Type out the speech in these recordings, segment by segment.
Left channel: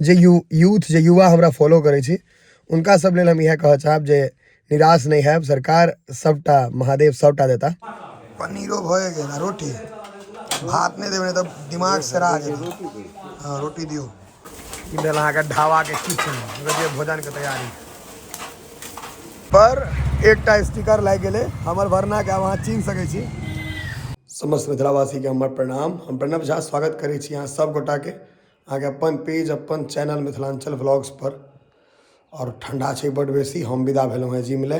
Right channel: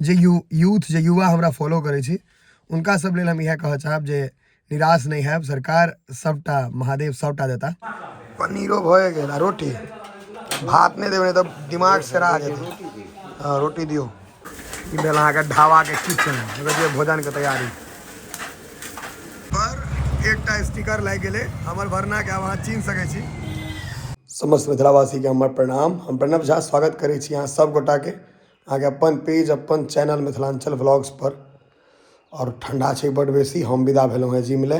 जे youth जे युवा हमरा follow करे छी उनका सब लेल हम यह कह चाहब जे निराश नहीं है, सरकार सबटा महादेव सबटा देता। पनीरो भए गेल, रोटी भात नहीं देवे तो दिमाग से रह जेते। हाँ रोटी दियो। ई भेल अहाँ के ढाबा के किचन भोजन के तैयारी पर एकटा स्टिकर लाग गेले हमर भरना के वहाँ चिन्ह सके छी। समस्त मिथिलावासी के हमर प्रणाम। हम प्रणव झा स्वागत करे छी यहाँ सब गोटा के आगे अपन पेज अपन चैनल मिथिलांचल व्लॉग्स पर। और ठंडा छै बड़ बेसी, हम विदा भेलहुँ हैं जिम ले।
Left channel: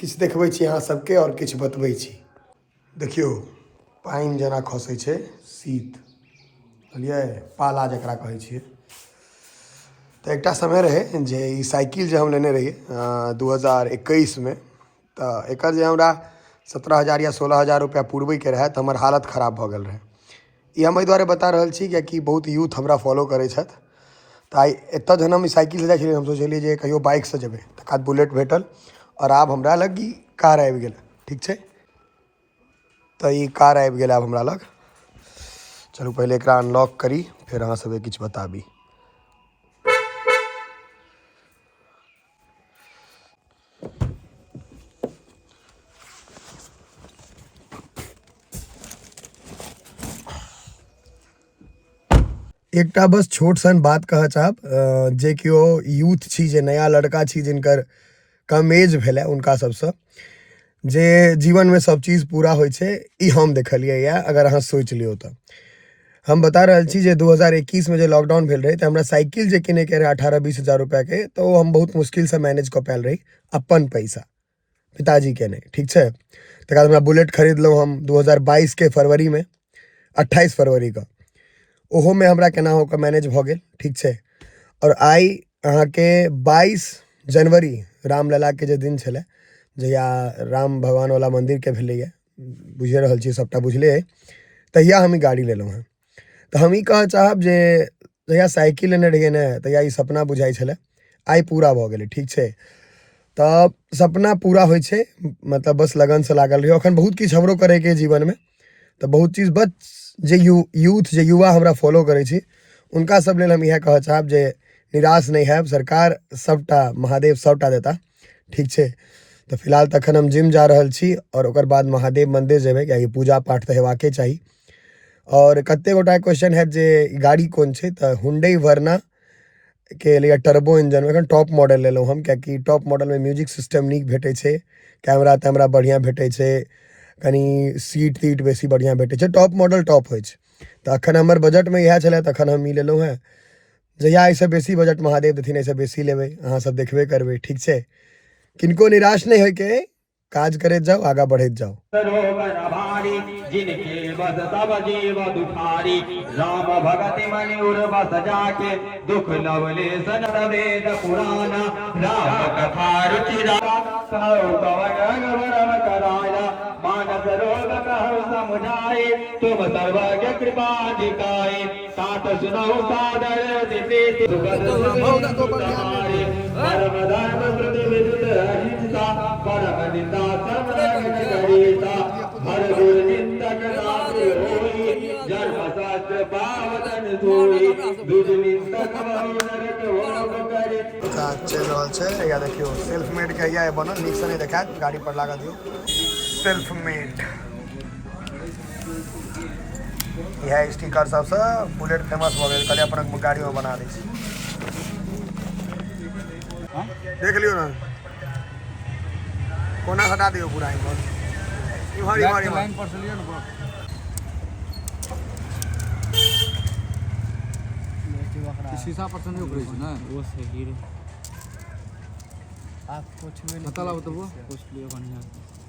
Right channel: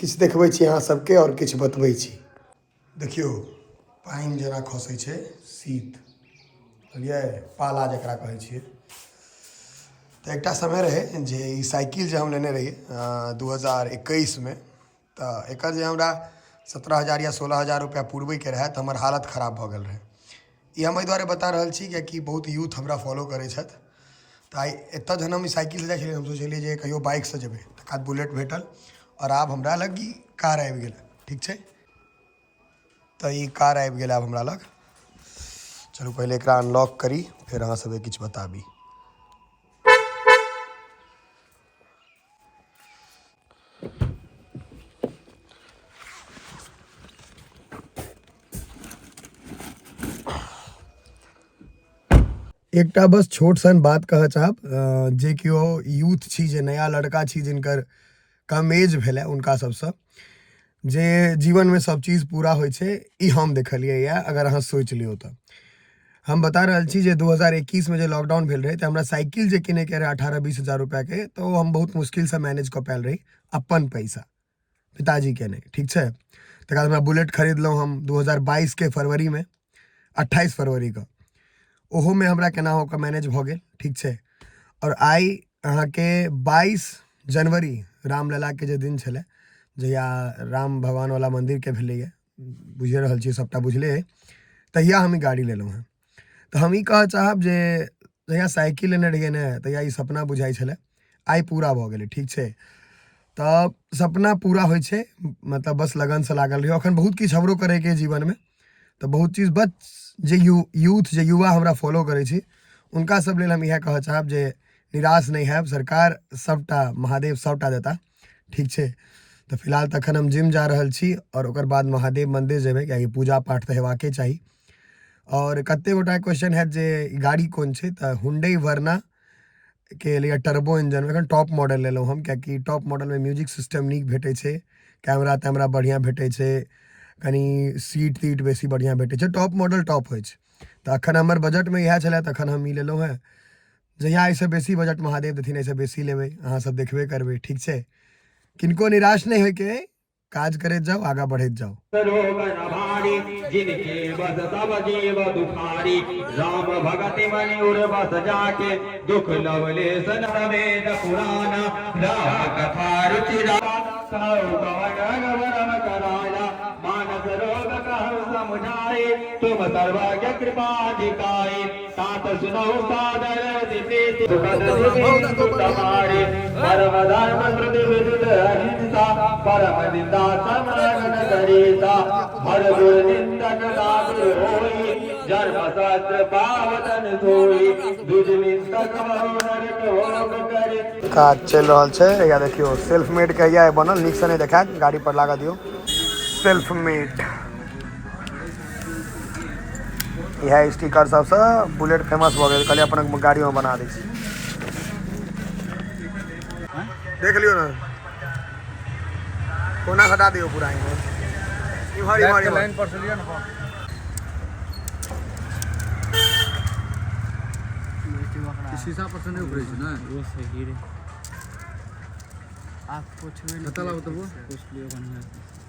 किछु देखबै छी अहाँ सबके और किछु बतबै छी। देखियो पानि जेना खसै छै, शीत बुझलियै, पाला जकरा कहै छियै। तो एक समय रहे जे ई साइकिल जे हम लेने रहिए 2021 में, तो एक जे हमरा 17,000 या 16,000 रुपया पुरबे के रहे तो हमार हालत खराब भ गेल रहे। ई हम एहि दुआरे बता रहल छी कि बहुत यूथ हमरा फॉलो करे छथि। तो आई एतऽ जहन हम साइकिल से जाइ छलियै हम सोचलिए जे कहियो बाइक से जेबै, तकर बाद बुलेट भेटल और आब हमरा लग ई कार आबि गेल। ठीक छै, तो ई कार आबि गेल आब हमरा लग। चलू पहले एकरा अनलॉक करी फिर अहाँ सबके किछु बताबी। एकटा बस छोट सन बात कह चाहब, जे किओ यूथ छी, जे नया लड़का छी जिनकर कम एज भेल उनका सबसे जे जीवन में सब चीज पूरा होइ छै, ई हम देखलिए या अगर अहाँ सोच लियो तो। हम बता रहल छी जे 2021 में जे लॉकडाउन भेल रहे तो हमरा साइकिल जे किने के रहे 18-20 हजार रुपया के, तो हम बहुत मुश्किल से मैनेज कर पायल रही अपन पैसा, पिताजी के नहीं। ठीक छै, तकर बाद हमरा बुलेट खरीदलहुँ हम 2022 के फरवरी में, 28 फरवरी का। ओहो में हमरा केना होकर मैनेज भ गेल। ठीक छै, और आई अहाँ के 22 जनवरी रामलला के जे दिन छले, जहिया राम भगवान वाला मंदिर के भेलैया, बुझे रहल छी सबटा बुझले है, तहिया हम ई गाड़ी लेलहुँ हैं। तो हम ई कह चाहब जे जहिया साइकिल लेने रहिए ने तहिया ई सपना बुझाई छले, आई पूरा भ गेलै। ठीक छै, तब सपना पूरा होइ छै, मतलब बस लगन से लागल रहियो। अखन बहुत किछु हमरो करे के जीवन में, तो बहुत चीज बस जे यूथ जे युवा हमरा फॉलो करे छी उनका सब लेल हम यह कह चाहब जे निराश नहीं है, सरकार सबटा महादेव सबटा देता। ठीक छै, तो फिलहाल तखन हम जिम जा रहल छी और ओकर बाद महादेव मंदिर जेबै, कियाकि पूजा पाठ तो हेबाके चाही। और कते गोटा क्वेश्चन है जे गाड़ी कौन छै, तो हुंडई वर्ना के लिए टर्बो इंजन में टॉप मॉडल लेलहुँ हम, कियाकि टॉप मॉडल में म्यूजिक सिस्टम नीक भेटै छै, कैमरा तैमरा बढ़िया भेटै छै, कनी सीट तीट बेसी बढ़िया भेटै छै, टॉप मॉडल टॉप होइ छै। तो अखन हमर बजट में इएह छलै, तखन हम ई लेलहुँ हैं। जहिया एहिसँ बेसी बजट महादेव देथिन एहिसँ बेसी लेबै, अहाँ सब देखबे करबै। ठीक छै, किनको निराश नहीं होके, काज करैत जाओ, आगा बढ़ैत जाओ। जिनके बस सब जीव दुखारी, राम भगति मनि उर्वस जाके, दुख लवले सन वेद पुराण, राम कथा रुचिरा कराया, मानस रोग कहु समुझाए, तुम सर्वज्ञ कृपाधिकारी, तात सुनौ सादर प्रीति परम धर्म कृत विदुत अहिंसा, परम निंदा समन करीता, हर गुर निंदक नाथ होई, जन्म सहस्त्र पावतन सोई, दुज निंदक बहु नरक भोग करि। काज चल रहा है, या देखियो सेल्फ मेड कहिया बनल, नीक से नहीं देखा, गाड़ी पर लगा दियो सेल्फ मेड। यह स्टिकर सबसे बुलेट फेमस भ गेल, कहलिए अपन गाड़ी में बना दै छी। देख लियो ना, कोना हटा दियो पूरा इमहर इमहर इमहर। शीशा पर से नहीं उखड़े छै ना, वो सही रे। आप पोछबे नहीं तला तो वो पोछ लियो बढ़िया,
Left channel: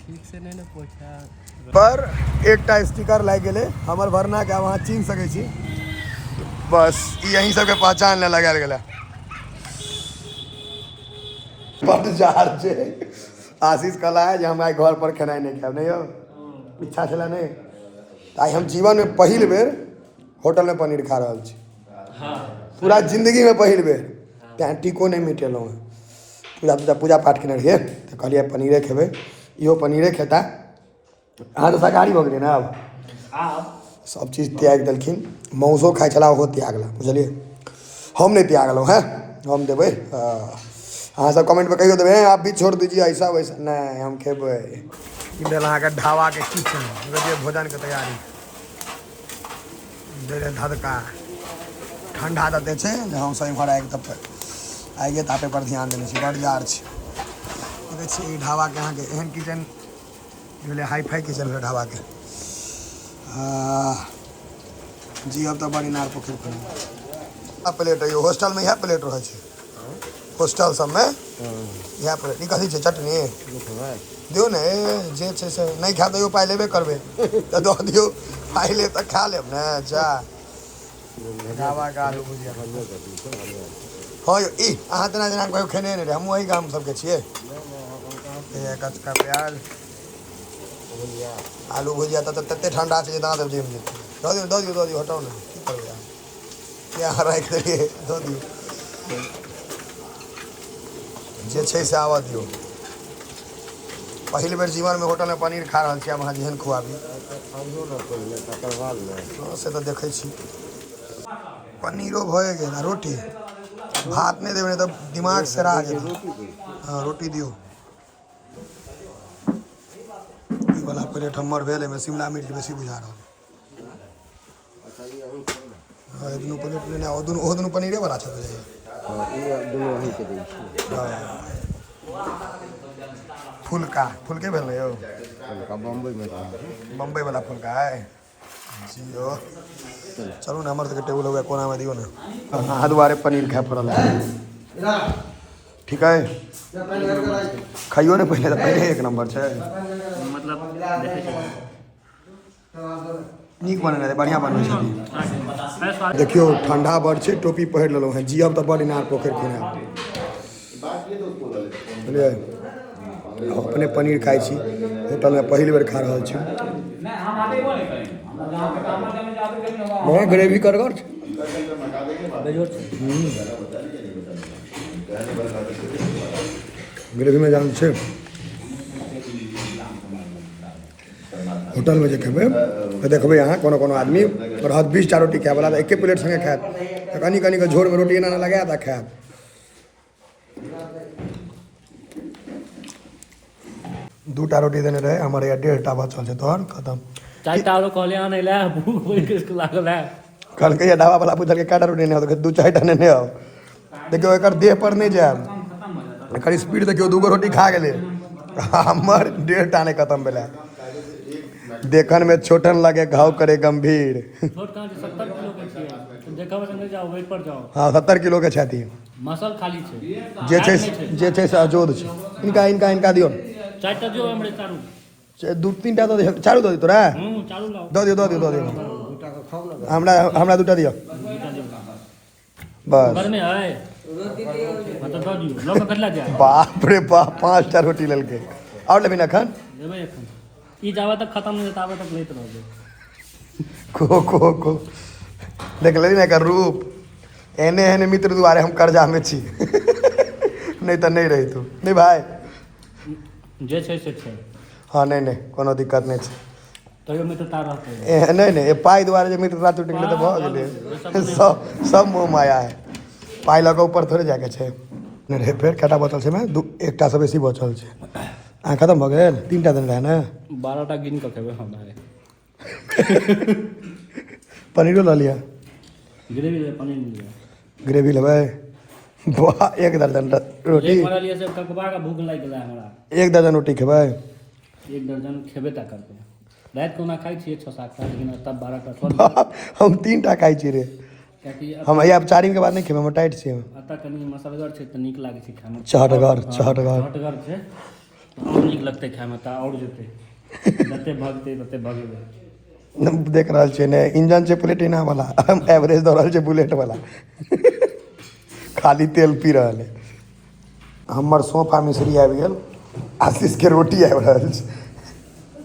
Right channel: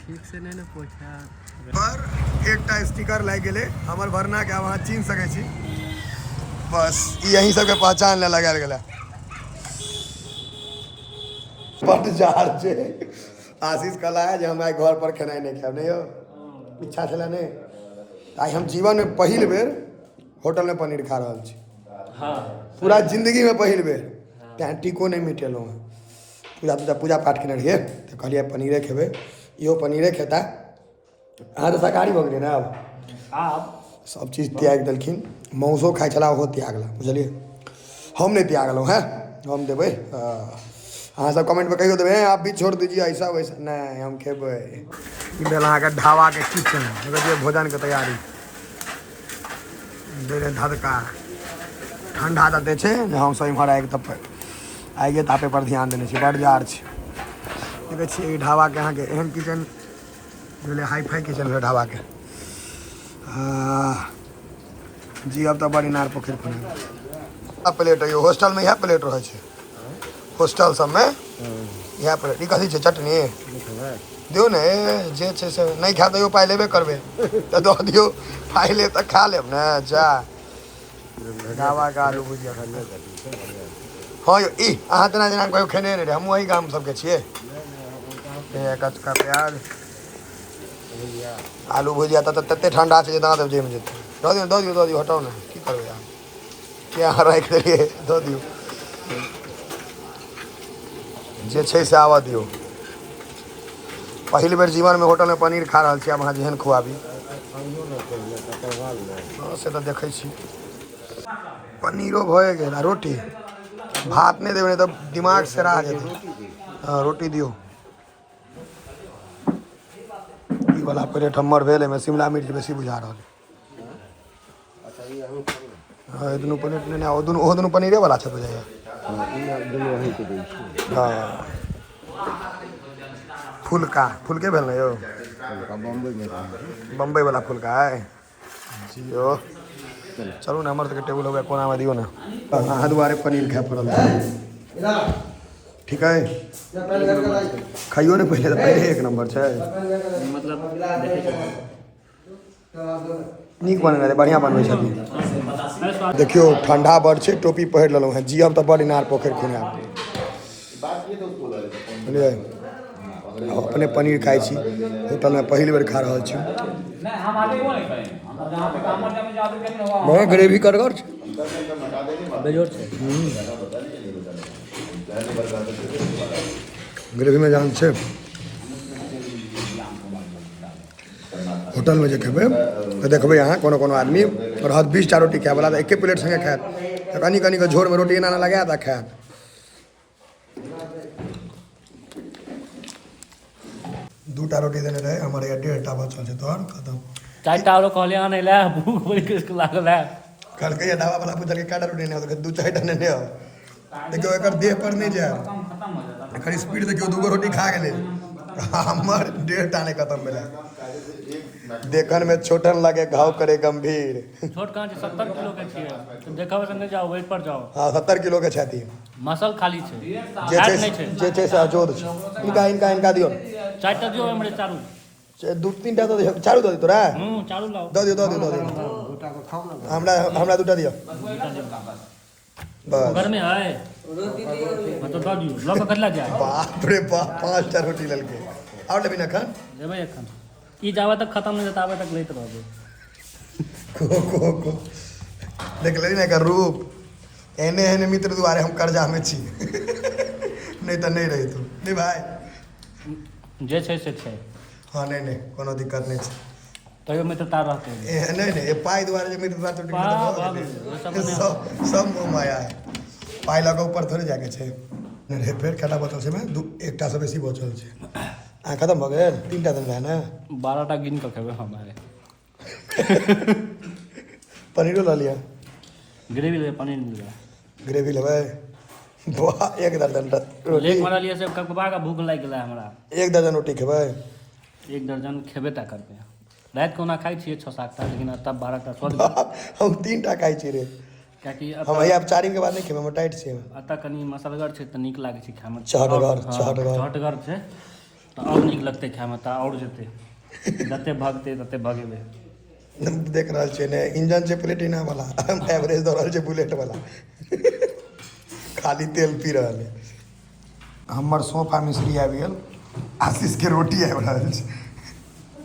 ठीक से नहीं ना पोछा। पर एकटा स्टिकर लाग गेले हमर भरना के, वहाँ चिन्ह सके छी, बस यही सब के पहचान ले लगाल गेला। बड़ जार छै, आशीष कहला है जे हम आई घर पर खेनाई नहीं खाएब, नहीं हो इच्छा छला नहीं। आई हम जीवन में पहिल बेर होटल में पनीर खा रहल छी, पूरा जिंदगी में पहिल बेर। तें टीको नहीं मिटेलहुँ हैं, पूजा पाठ केने रहिए तो कहलिए पनीरे खेबै, इहो पनीरे खेता। अहाँ तो शाकाहारी भऽ गेलियै ने अब। सब चीज़ त्याग देलखिन। मौसो खाइ छला ओहो त्यागला, बुझलिए। हम नहीं त्यागलहुँ हैं, हम देबै। अहाँ सब कमेंट में कहियो देबै आप भी छोड़ दीजिए ऐसा वैसा, नहीं हम खेबै। भेल अहाँके ढाबाके किचन, देखिए भोजनके तैयारी दे धदका ठंडा दते छै। हमसब इम्हर आगे तापे पर ध्यान देने छी, बड़ जार छै। देखै छियै ई ढाबाके अहाँके एहन किचन भेलै, हाई फाई किचन भेलै ढाबाके। जी अब तो बड़ी इनार पोखरि खुना प्लेट है, हॉस्टल में इएह प्लेट रहै छै। हॉस्टल सबमे इएह प्लेट। ई कथी छै, चटनी दियौ ने, जे छै से नहीं खा दियो पाइ लेबे करबै तऽ दऽ दियौ, पाइ ले तऽ खा लेब ने। जा ढाबाके आलू भुजिया। हाँ यौ, ई अहाँ तेना जेना कहियो खेने नहि रहे, हमहूँ वही गाम सबके छियै। कचका प्याज आलू भुजिया तऽ तते ठंडा छै जे दाँत जमि जेतै। दऽ दियौ हटाउ ने, की करबै अहाँ, क्या राखि देलियै, दऽ दियौ। जे छै से आबऽ दियौ। पहिल बेर जीवनमे होटलमे पनीर खा रहल छी, आब अहाँ जेहन खुआबी। हाँ से तऽ देखै छी। पनीरो भए गेल, रोटी भात नहीं देबै तऽ दिमाग सरा जेतै। हाँ रोटी दियौ। ई वाला प्लेट हमर भेल, एहिमे शिमला मिर्च बेसी बुझा रहल है। हाँ दुनू प्लेट लेने आओ, ओहो दुनू पनीरे वाला छै बुझाइया। हाँ फुलके भेल ने यौ, बम्बई वाला फुलका है जी यौ। चलू ने, हमर सबके टेबुल होगा कोना में दियो ना। अहाँ दुआरे पनीर खाए पड़ल, ठीक है। खाइयो ने पहले, पहले एक नंबर छै, मतलब नीक बनल है, बढ़िया बनबै छथिन। देखियो ठंडा बड़ छै, टोपी पहिर लेलहुँ हैं। जी हम तऽ बड़ इनार पोखरि खुनाएब, बुझलियै। अपने पनीर खाइ छी, होटलमे पहिल बेर खा रहल छी। बहुत ग्रेवी करगर छै, ग्रेवी में जान छै। होटलमे जे खेबै तऽ देखबै अहाँ कोनो कोनो आदमी रहत 20टा रोटी खायवला, तऽ एके प्लेट संगे खायत, तऽ कनि कनिके झोरमे रोटी एना लगायत आ खायत। दूटा रोटी देने रहे, हमारे यहाँ 1.5टा बचल छै, तोहर खत्म। 4टा आरो कहलियै आनै लए, भूख बड़ी लागल है। कहलकै ये ढाबा वाला पूछलकै कएटा रोटी नहीं हो, तो 2-4टा नेने आओ। देखियो एकर देह पर नहीं जायब, एकर स्पीड देखियो, 2गो रोटी खा गेलै, हमर 1.5टा नहीं खत्म भेलै। देखन में छोटन लगे घाव करे गंभीर। छोट कहाँ छै, 70 किलो के छियै, देखब संगे जाओ, वेट पर जाओ। हाँ 70 किलो के छथि, मसल खाली छै, जे फैट नहीं छै, जे छै से अजोद छै। इनका दियो, 4टा दियो हमरे चारू, 2-3टा दो, चारू दो तोरा। चारू लाओ, दो दियो। हमरा 2टा दियो बस। घर में है मतलब दऽ दियो, लऽ के कतला जाए। बाप रे बाप, 5टा रोटी लेलकै। और लेबै ना एखन, लेबै एखन, ई जाबे तक खत्म नहीं ताबे तक लैत रहबै। को देख ले ना एकर रूप, एने एने मित्र दुआरे हम कर्जा में छी। नहीं तो नहीं रही तू, नहीं भाई, जे छै से छै। हाँ नहीं कोनो दिक्कत नहीं छै, तैयो मित्रता रहतै। नहीं पाई दुआरे जे मित्रता टूटि गेलै तऽ भऽ गेलै। सब मोह माया है, पाई लऽ कऽ ऊपर थोड़े जाके छै। नहीं रे फेर कटा बचल छै, में 1टा से बेसी बचल छै। अहाँ खत्म भऽ गेल, 3टा देल रहे ने, 12टा गिन कऽ खेबै हम आइ। पनीरो लऽ लिअ, ग्रेवी लेबै, पनीर नहीं लेबै, ग्रेवी लेबै। वाह 1 दर्जन रोटी, लेक मारलियै से ककबा के भूख लागि गेलै हमरा। 1 दर्जन रोटी खेबै, 1 दर्जन खेबे टा करबै। राति के ओना खाइ छियै 6-7टा, लेकिन तब 12टा स्वाद। हम 3टा खाइ छी रे, कियाकि हम अब 4 के बाद नहीं खेबै, हम टाइट छी। एतऽ कनि मसलगर छै तऽ नीक लागै छै खाइमे, चहटगर छै तऽ आओर नीक लगतै खाइमे, तऽ आओर जेतै, जते भगतै तते भगेबै। देख रहल छियै ने, इंजन छै प्लेटिना वाला, एवरेज दऽ रहल छै बुलेट वाला। खाली तेल पी रहल है। हमर सोफा मिस्त्री आबि गेल, आशीष के रोटी आबि रहल छै।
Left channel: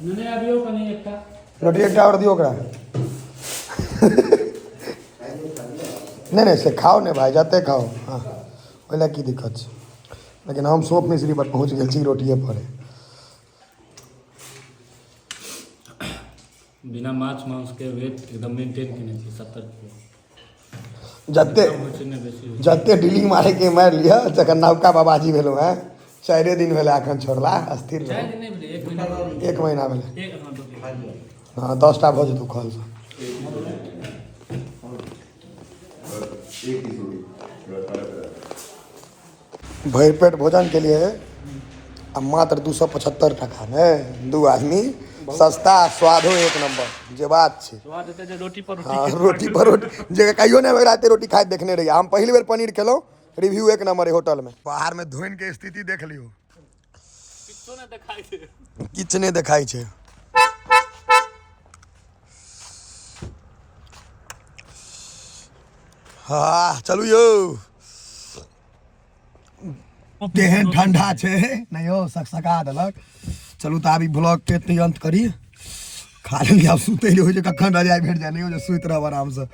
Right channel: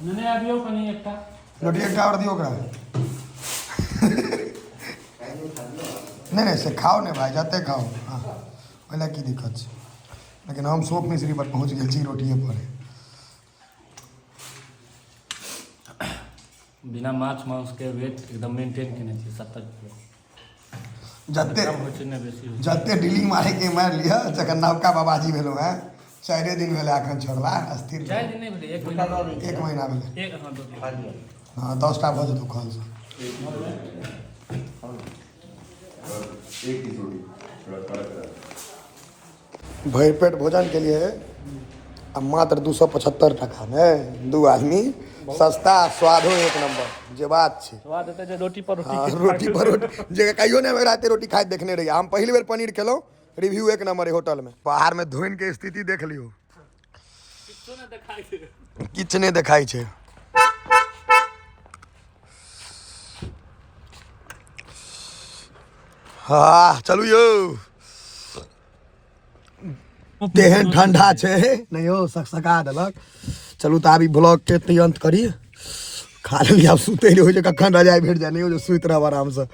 नेने आबियौ कनि एकटा रोटी, 1टा और दियो ओकरा। नहीं से खाओ नहीं भाई, जाते खाओ, हाँ ओहिना की दिक्कत छै। लेकिन हम सोफ मिस्त्री पर पहुँच गेल छी रोटिए पर। बिना माछ मांस के वेट एकदम मेंटेन केने छी 70 किलो जते कम होइ छै ने बेसी होइ छै जते डीलिंग मारे के मारि लिअ जखन नवका बाबाजी भेलहुँ हैं 4 दिन भेलै एखन छोड़ला स्थिर 4 दिन नहीं भेलै 1 महीना 1 महीना भेलै एक हाँ 2 दिन हाँ 10टा भऽ जेतौ कॉल से भरि पेट भोजन के लिए आ मात्र 275 टका ने 2 आदमी सस्ता स्वादो एक नंबर जे बात छै स्वाद हेतै जे रोटी पर हाँ रोटी पर रोटी जे कहियो नहीं राते रोटी खाइत देखने रहिए हम पहली बेर पनीर खेलौं रिव्यू एक नंबर है होटल में बाहर में धोइन के स्थिति देख लियो किछो नहि देखाइ छै किछ नहीं देखाई छै हाँ चलू यौ केहन ठंडा छै नहीं हो सकसका देलक चलू तऽ आब ई ब्लॉग के अंत करी खा लेली आब सुतै ले हो जे कखन रजाई भेट जाए नहीं हो जे सुति रहब आराम से